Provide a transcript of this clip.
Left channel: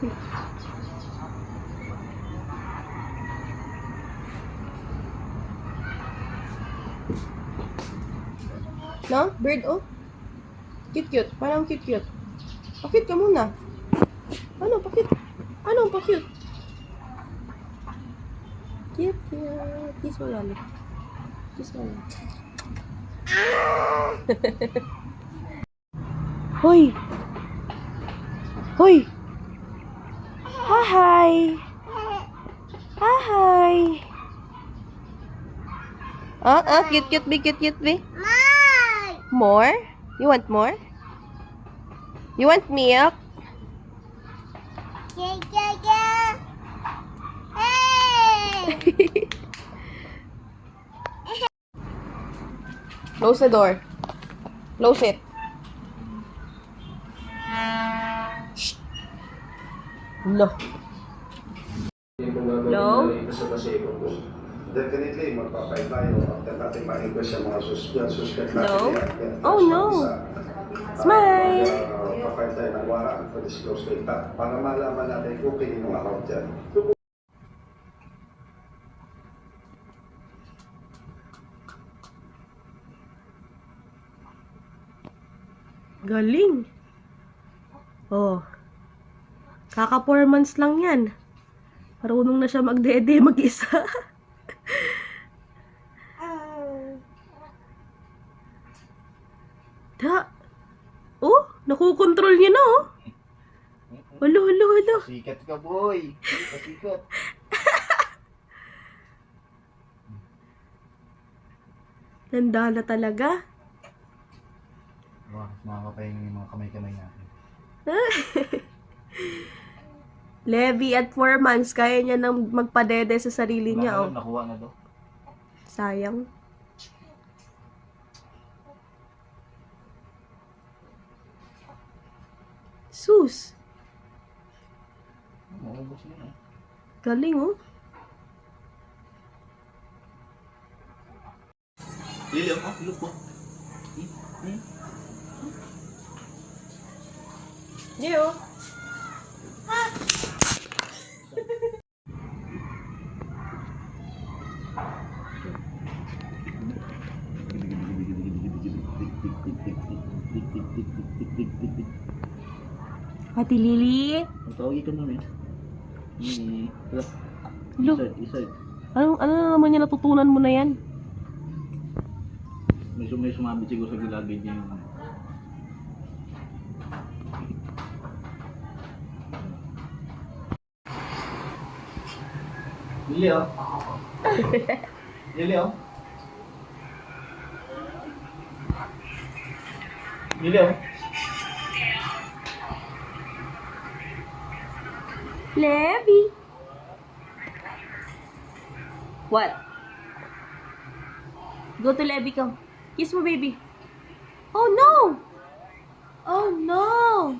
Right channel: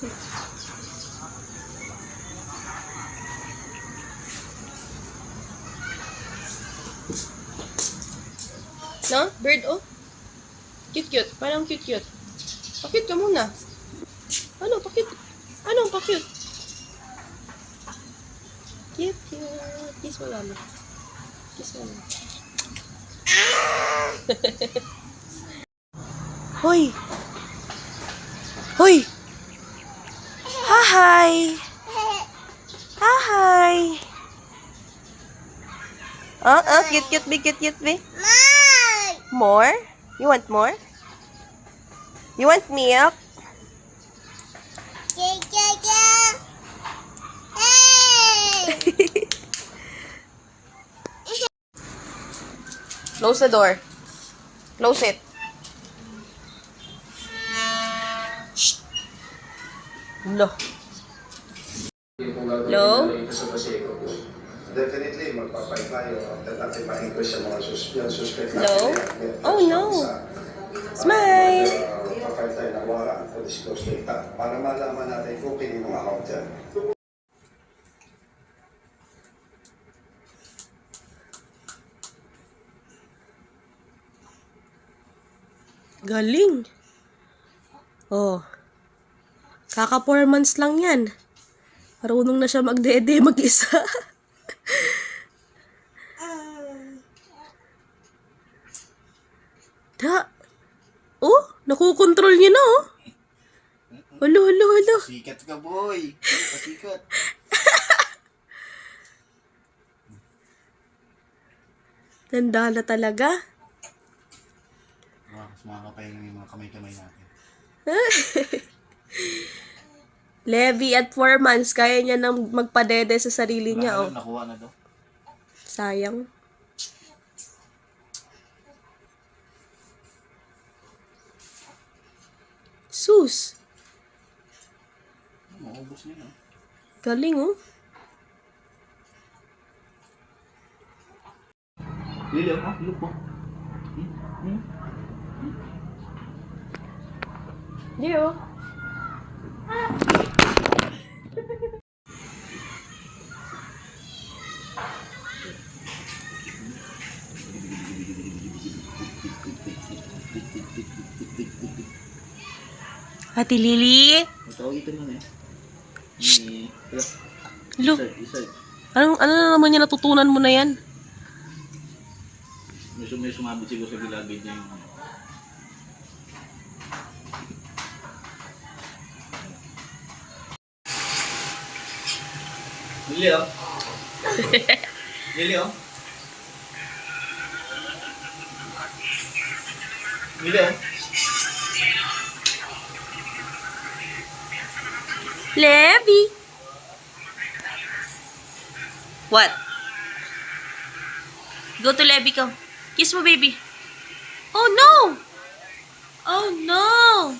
No? Bird, oh. Cute-cute. Parang cute-cute. Pa-cute ka muna. Ano? Pa-cute. Ano? Pa-cute. Cute-cute. Kiss mo lalo. Kiss mo lalo. Hoy! Hoy! Hi! Hi! Cute-cute be, cute-cute be. More? You want more? You want milk? Close the door. Close it. Shh. No. Hello? Definitely, magpapay tayo. At ipahingko sa mga suspect. Hello? Oh no. Smile. Magpapay tayo ng warrant for disclose data para malaman natin kung kini mga account dyan. Galing. Oh. Kaka 4 months lang yan. Marunong na siya magdede mag-isa. Da. Oh, nakukontrol niya na oh. Halo, halo, halo. Sikat ka, boy. Pasikat. Nandala talaga. Wow, mas makakapahinga yung mga kamay-kamay natin. Levi at 4 months, kaya niya nang magpadede sa sarili niya. Oh. Nakuha na daw. Sayang. Sus. Maubos niya, no? Galing oh. Lili, oh, look po. Di oh. Ate Lily? Tawag ito na eh. Lo. Isa. Ano na naman yan natutunan mo na yan? May sumabit siguro sa gilagid niya yung Lili, oh. Lili, oh. Lili, oh. Levi. What? Go to Levi ko. Kiss mo, baby. Oh no! Oh no!